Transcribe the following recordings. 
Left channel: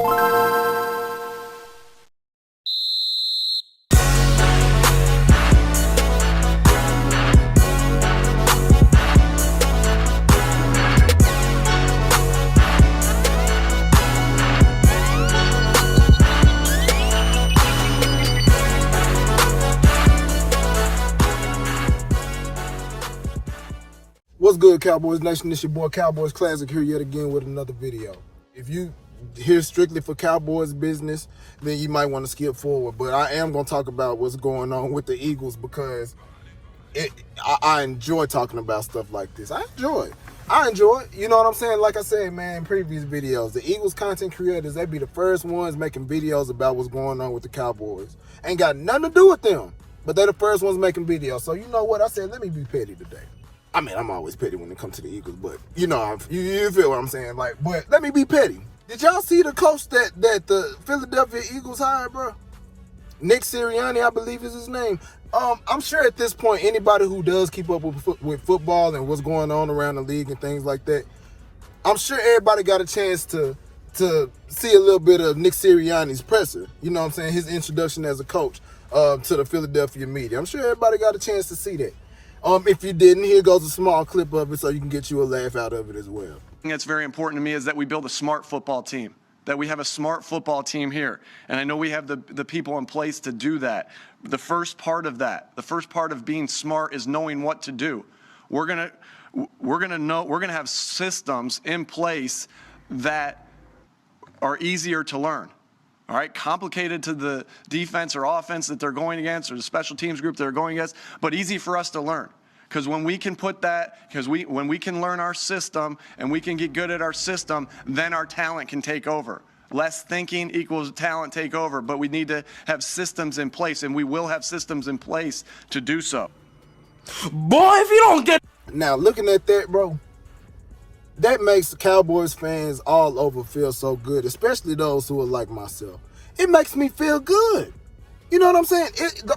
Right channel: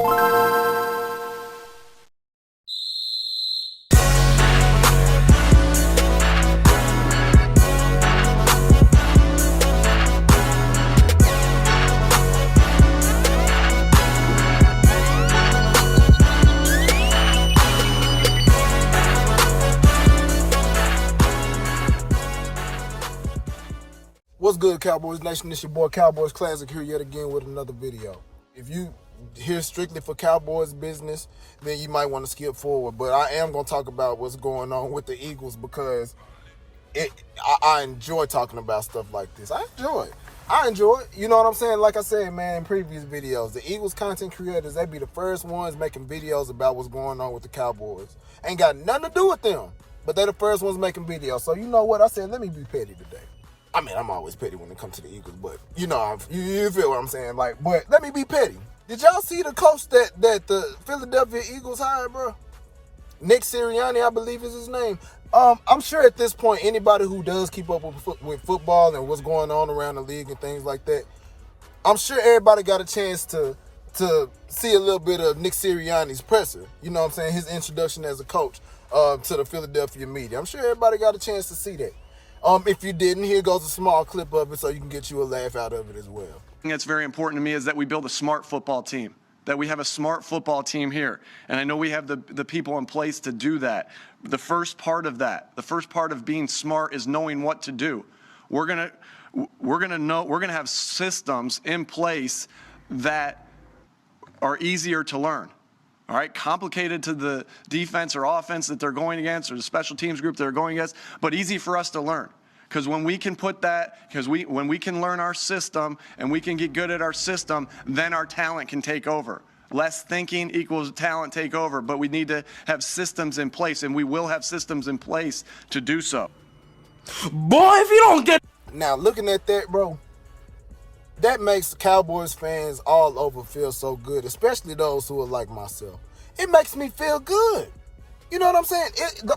What's good, Cowboys Nation? It's your boy Cowboys Classic here yet again with another video. If you here strictly for Cowboys business, then you might want to skip forward. But I am going to talk about what's going on with the Eagles because I enjoy talking about stuff like this. I enjoy it. You know what I'm saying? Like I said, man, in previous videos, the Eagles content creators, they be the first ones making videos about what's going on with the Cowboys. Ain't got nothing to do with them, but they're the first ones making videos. So you know what? I said, let me be petty today. I mean, I'm always petty when it comes to the Eagles, but you know, you feel what I'm saying. Like, but let me be petty. Did y'all see the coach that the Philadelphia Eagles hired, bro? Nick Sirianni, I believe is his name. I'm sure at this point, anybody who does keep up with football and what's going on around the league and things like that, I'm sure everybody got a chance to see a little bit of Nick Sirianni's presser. You know what I'm saying? His introduction as a coach to the Philadelphia media. I'm sure everybody got a chance to see that. If you didn't, here goes a small clip of it so you can get you a laugh out of it as well. That's very important to me is that we build a smart football team, that we have a smart football team here. And I know we have the people in place to do that. The first part of that, the first part of being smart is knowing what to do. We're going to have systems in place that are easier to learn. All right, complicated to the defense or offense that they're going against or the special teams group they're going against, but easy for us to learn. Because when we can put that, when we can learn our system and we can get good at our system, then our talent can take over. Less thinking equals talent take over, but we need to have systems in place, and we will have systems in place to do so. Boy, if you don't get... Now, looking at that, bro, that makes the Cowboys fans all over feel so good, especially those who are like myself. It makes me feel good. You know what I'm saying?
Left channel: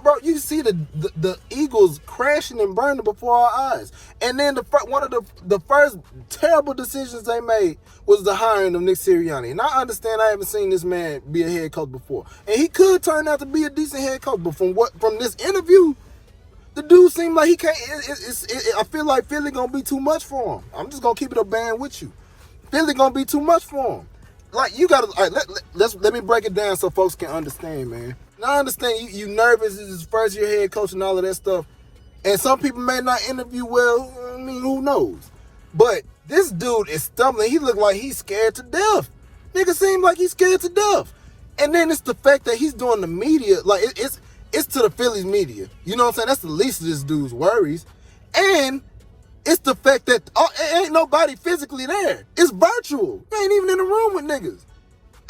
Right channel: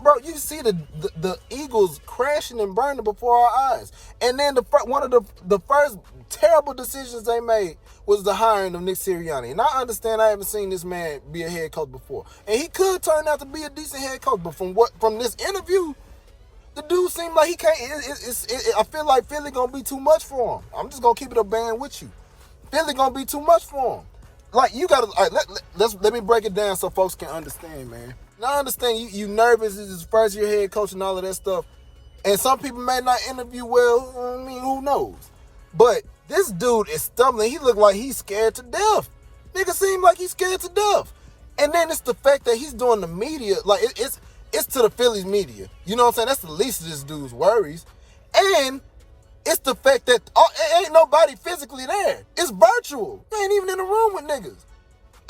Bro, you see the Eagles crashing and burning before our eyes. And then one of the first terrible decisions they made was the hiring of Nick Sirianni. And I understand I haven't seen this man be a head coach before. And he could turn out to be a decent head coach, but from this interview, the dude seemed like he can't. I feel like Philly gonna be too much for him. I'm just gonna keep it a band with you. Philly gonna be too much for him. Like you gotta. All right, let me break it down so folks can understand, man. And I understand you nervous. It's his first year head coach and all of that stuff. And some people may not interview well. I mean, who knows? But this dude is stumbling. He look like he's scared to death. Nigga seem like he's scared to death. And then it's the fact that he's doing the media. Like it's to the Phillies media. You know what I'm saying? That's the least of this dude's worries. And it's the fact that ain't nobody physically there. It's virtual. You ain't even in the room with niggas.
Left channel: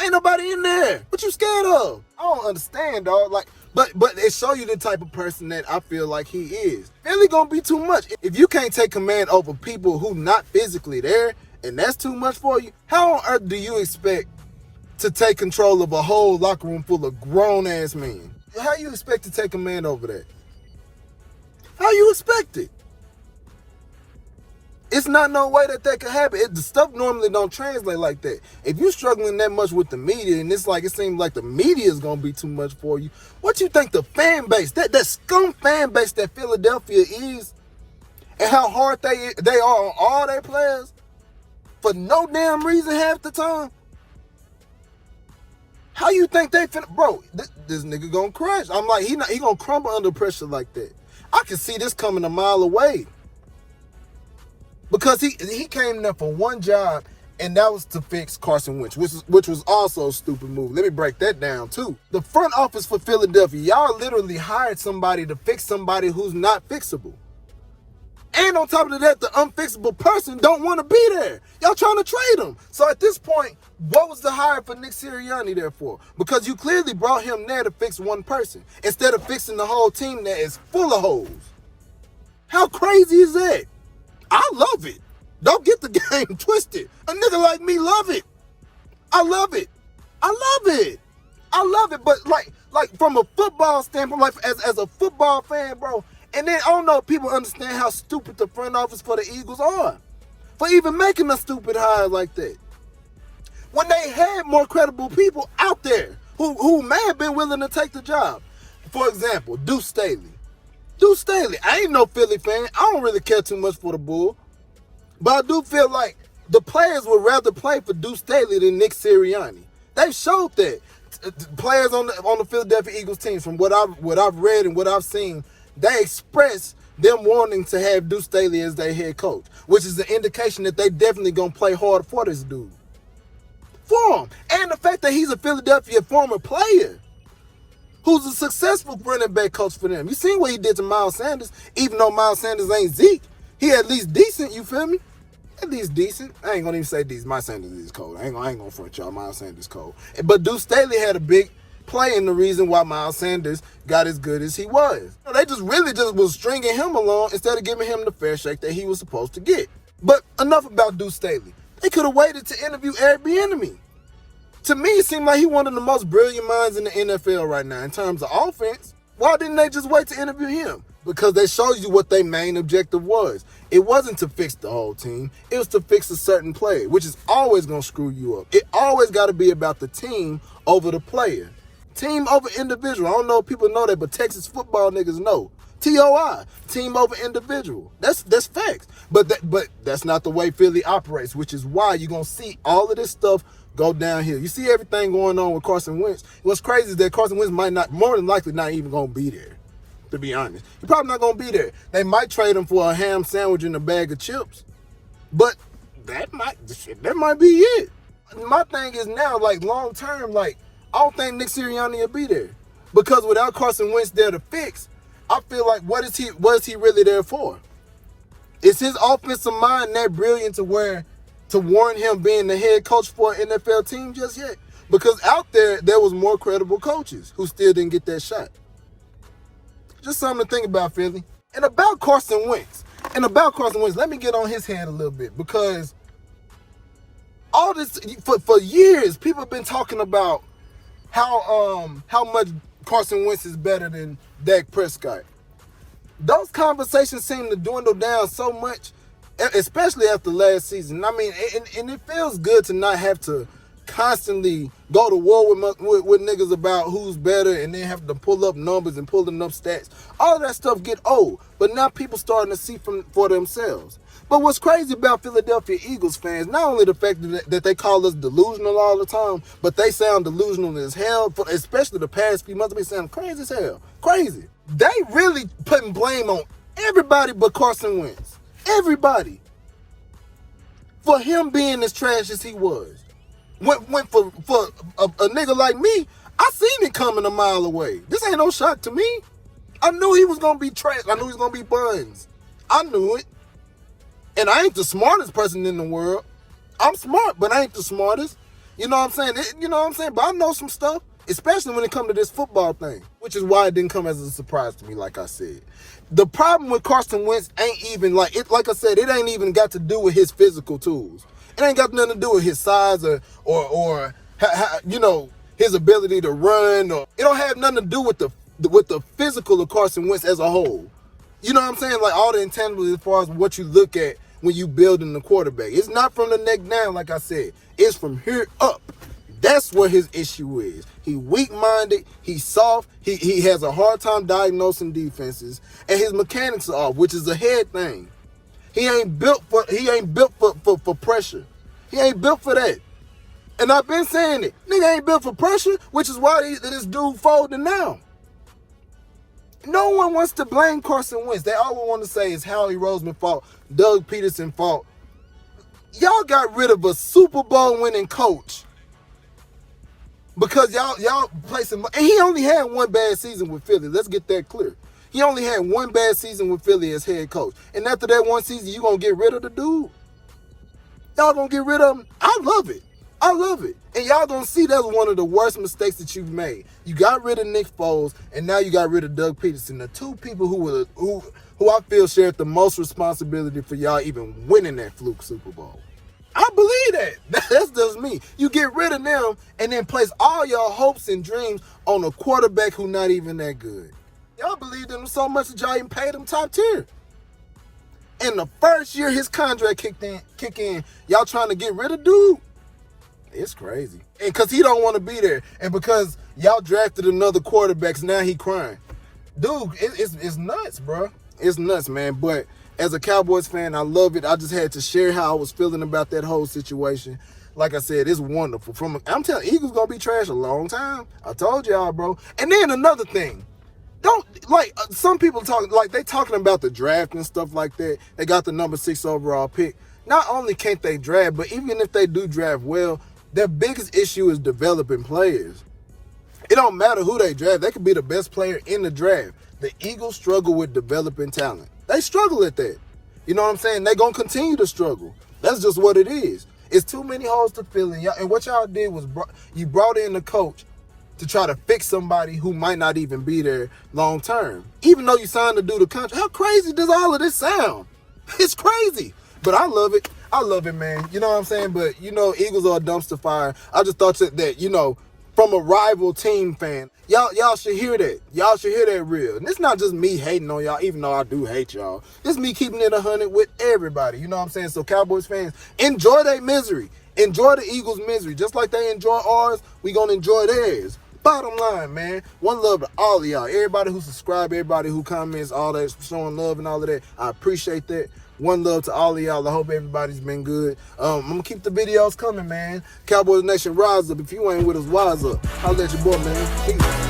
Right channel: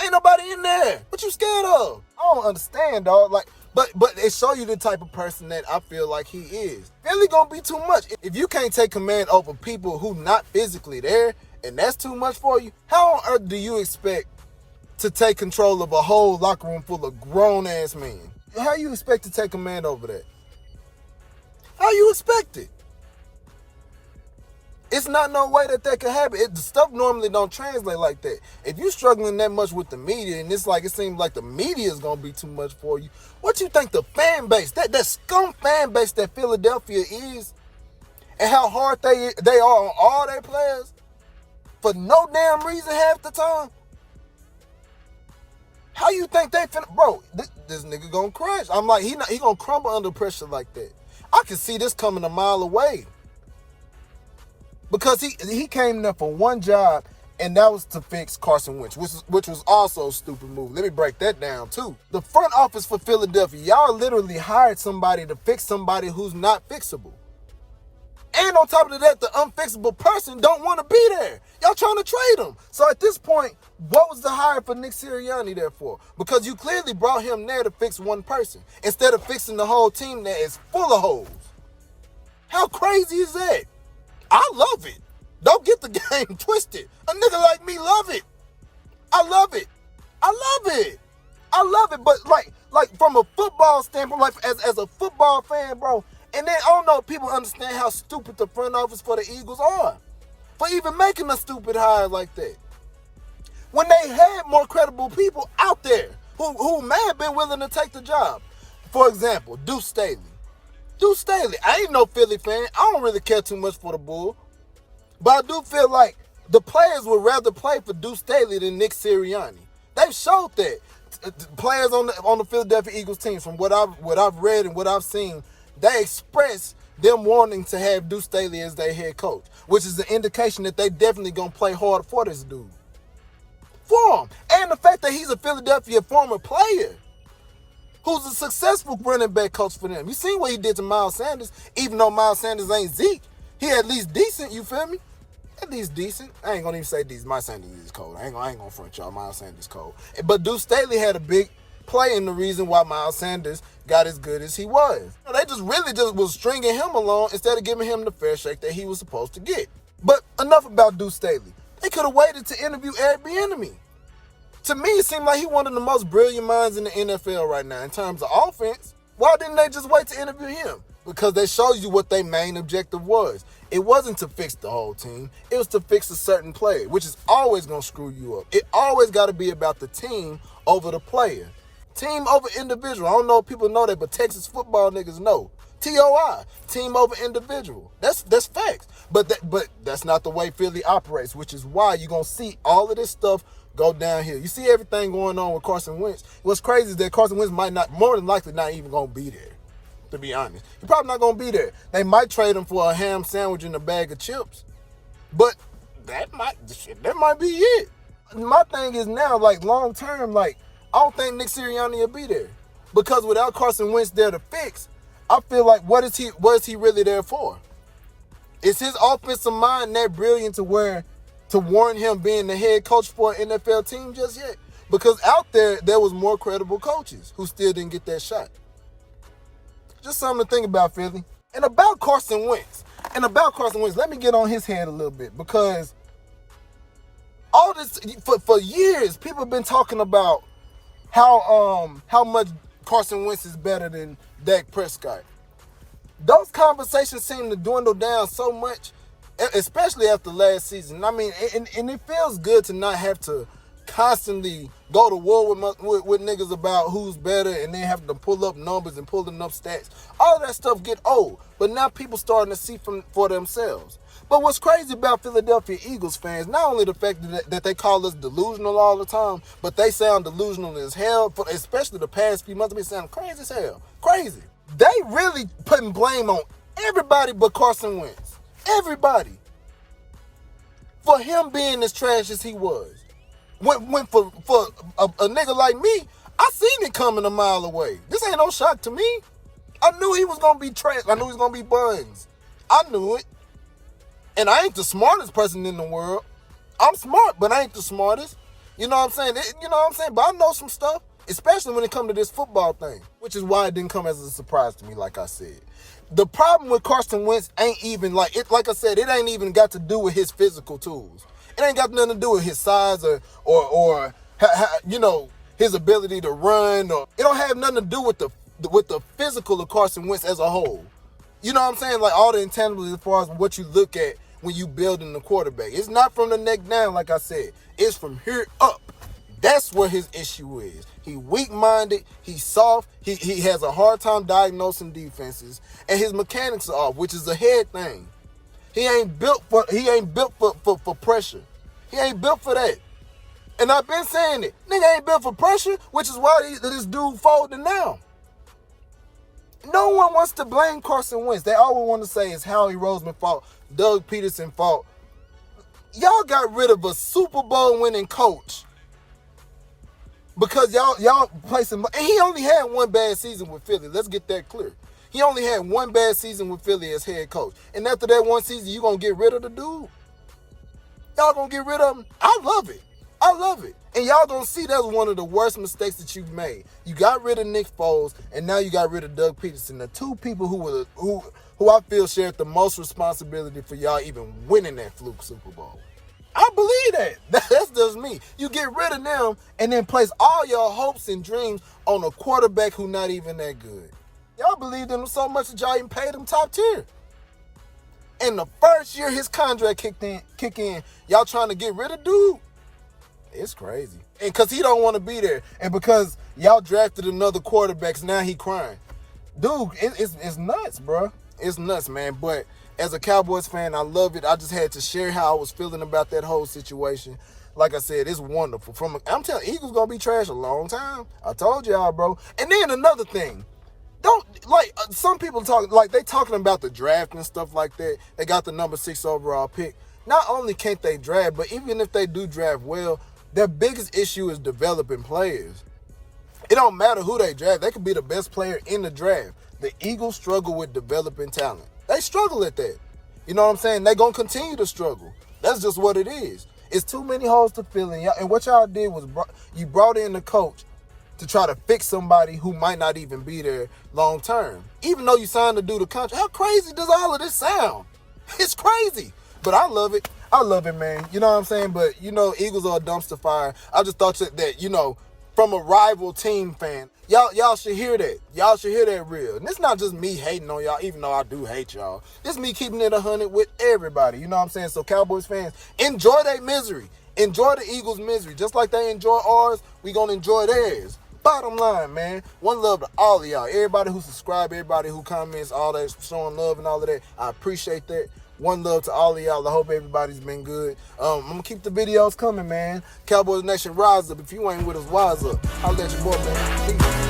Ain't nobody in there. What you scared of? I don't understand, dog. Like, but it show you the type of person that I feel like he is. Philly gonna be too much. If you can't take command over people who not physically there, and that's too much for you, how on earth do you expect to take control of a whole locker room full of grown-ass men? How you expect to take command over that? How you expect it? It's not no way that could happen. The stuff normally don't translate like that. If you're struggling that much with the media, and it seems like the media is gonna be too much for you, what you think the fan base, that scum fan base that Philadelphia is, and how hard they are on all their players for no damn reason half the time? How you think they finna, bro? This nigga gonna crash. I'm like, he gonna crumble under pressure like that. I can see this coming a mile away. Because he came there for one job, and that was to fix Carson Wentz, which was also a stupid move. Let me break that down too. The front office for Philadelphia, y'all literally hired somebody to fix somebody who's not fixable. And on top of that, the unfixable person don't want to be there. Y'all trying to trade him. So at this point, what was the hire for Nick Sirianni there for? Because you clearly brought him there to fix one person instead of fixing the whole team that is full of holes. How crazy is that? I love it. Don't get the game twisted. A nigga like me love it. I love it. I love it. I love it. But like from a football standpoint, like as a football fan, bro, and then I don't know if people understand how stupid the front office for the Eagles are for even making a stupid hire like that. when they had more credible people out there who may have been willing to take the job. For example, Deuce Staley. Deuce Staley, I ain't no Philly fan. I don't really care too much for the Bull. But I do feel like the players would rather play for Deuce Staley than Nick Sirianni. They showed that. Players on the Philadelphia Eagles team, from what I've read and what I've seen, they express them wanting to have Deuce Staley as their head coach, which is an indication that they definitely gonna play hard for this dude. For him. And the fact that he's a Philadelphia former player who's a successful running back coach for them. You seen what he did to Miles Sanders, even though Miles Sanders ain't Zeke. He at least decent, you feel me? At least decent. I ain't gonna even say decent. Miles Sanders is cold. I ain't gonna front y'all. Miles Sanders cold. But Deuce Staley had a big play in the reason why Miles Sanders got as good as he was. They just was stringing him along instead of giving him the fair shake that he was supposed to get. But enough about Deuce Staley. They could have waited to interview Eric Bieniemy. To me, it seemed like he one of the most brilliant minds in the NFL right now in terms of offense. Why didn't they just wait to interview him? Because that shows you what their main objective was. It wasn't to fix the whole team. It was to fix a certain player, which is always going to screw you up. It always got to be about the team over the player. Team over individual. I don't know if people know that, but Texas football niggas know. TOI, team over individual. That's facts. But that's not the way Philly operates, which is why you're going to see all of this stuff go downhill. You see everything going on with Carson Wentz. What's crazy is that Carson Wentz might not, more than likely, not even going to be there, to be honest. He's probably not going to be there. They might trade him for a ham sandwich and a bag of chips, but that might be it. My thing is now, like, long term, like, I don't think Nick Sirianni will be there, because without Carson Wentz there to fix, I feel like what is he really there for? Is his offensive mind that brilliant to warrant him being the head coach for an NFL team just yet? Because out there was more credible coaches who still didn't get that shot. Just something to think about, Philly. And about Carson Wentz, let me get on his head a little bit, because all this, for years, people have been talking about how much Carson Wentz is better than Dak Prescott. Those conversations seem to dwindle down so much, especially after last season. I mean, and it feels good to not have to constantly go to war with niggas about who's better and then have to pull up numbers and pulling up stats. All that stuff get old, but now people starting to see for themselves. But what's crazy about Philadelphia Eagles fans, not only the fact that they call us delusional all the time, but they sound delusional as hell, especially the past few months. They sound crazy as hell. Crazy. They really putting blame on everybody but Carson Wentz. Everybody. For him being as trash as he was. Went for a nigga like me, I seen it coming a mile away. This ain't no shock to me. I knew he was going to be trash. I knew he was going to be buns. I knew it. And I ain't the smartest person in the world. I'm smart, but I ain't the smartest. You know what I'm saying? But I know some stuff, especially when it comes to this football thing, which is why it didn't come as a surprise to me, like I said. The problem with Carson Wentz ain't even like I said, it ain't even got to do with his physical tools. It ain't got nothing to do with his size or his ability to run. Or it don't have nothing to do with the physical of Carson Wentz as a whole. You know what I'm saying? Like all the intangibles as far as what you look at when you building the quarterback. It's not from the neck down, like I said. It's from here up. That's what his issue is. He weak-minded. He's soft. He has a hard time diagnosing defenses, and his mechanics are off, which is a head thing. He ain't built for pressure. He ain't built for that. And I've been saying it. Nigga ain't built for pressure, which is why this dude folding now. No one wants to blame Carson Wentz. They always want to say it's Howie Roseman fault, Doug Peterson fault. Y'all got rid of a Super Bowl winning coach because y'all placed him. And he only had one bad season with Philly. Let's get that clear. He only had one bad season with Philly as head coach. And after that one season, you going to get rid of the dude? Y'all going to get rid of him? I love it. I love it. And y'all don't see that's one of the worst mistakes that you've made. You got rid of Nick Foles, and now you got rid of Doug Peterson, the two people who I feel shared the most responsibility for y'all even winning that fluke Super Bowl. I believe that. That's just me. You get rid of them and then place all your hopes and dreams on a quarterback who not even that good. Y'all believed in him so much that y'all even paid him top tier. And the first year his contract kick in, y'all trying to get rid of dude. It's crazy. And because he don't want to be there. And because y'all drafted another quarterback, so now he crying. Dude, it's nuts, bro. It's nuts, man. But as a Cowboys fan, I love it. I just had to share how I was feeling about that whole situation. Like I said, it's wonderful. I'm telling you, Eagles going to be trash a long time. I told y'all, bro. And then another thing. Some people they talking about the draft and stuff like that. They got the number 6 overall pick. Not only can't they draft, but even if they do draft well, their biggest issue is developing players. It don't matter who they draft. They could be the best player in the draft. The Eagles struggle with developing talent. They struggle at that. You know what I'm saying? They're going to continue to struggle. That's just what it is. It's too many holes to fill in. And what y'all did was you brought in the coach to try to fix somebody who might not even be there long term. Even though you signed to do the contract. How crazy does all of this sound? It's crazy. But I love it. I love it, man. You know what I'm saying? But, Eagles are a dumpster fire. I just thought that, from a rival team fan, y'all should hear that. Y'all should hear that real. And it's not just me hating on y'all, even though I do hate y'all. It's me keeping it 100 with everybody. You know what I'm saying? So Cowboys fans, enjoy their misery. Enjoy the Eagles' misery. Just like they enjoy ours, we going to enjoy theirs. Bottom line, man, one love to all of y'all. Everybody who subscribe, everybody who comments, all that, showing love and all of that. I appreciate that. One love to all of y'all. I hope everybody's been good. I'm going to keep the videos coming, man. Cowboys Nation, rise up. If you ain't with us, wise up. Holla at your boy, man. Peace.